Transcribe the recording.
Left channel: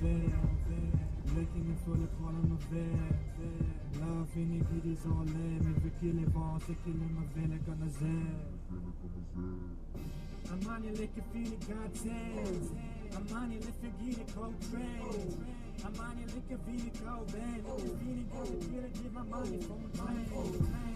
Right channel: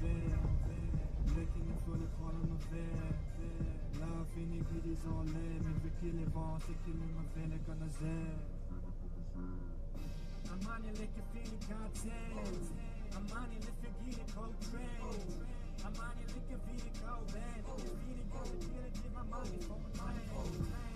Lekker niet voor de kwallen me ver. La vind ik hier is al leer. Me verkillen van ze killen me veel ik kan zijn. Amani lekker feel it God says. Amani lekker get it cold train. Amani lekker feel it cold band. Lekker feel it go to kill it give my money for my train.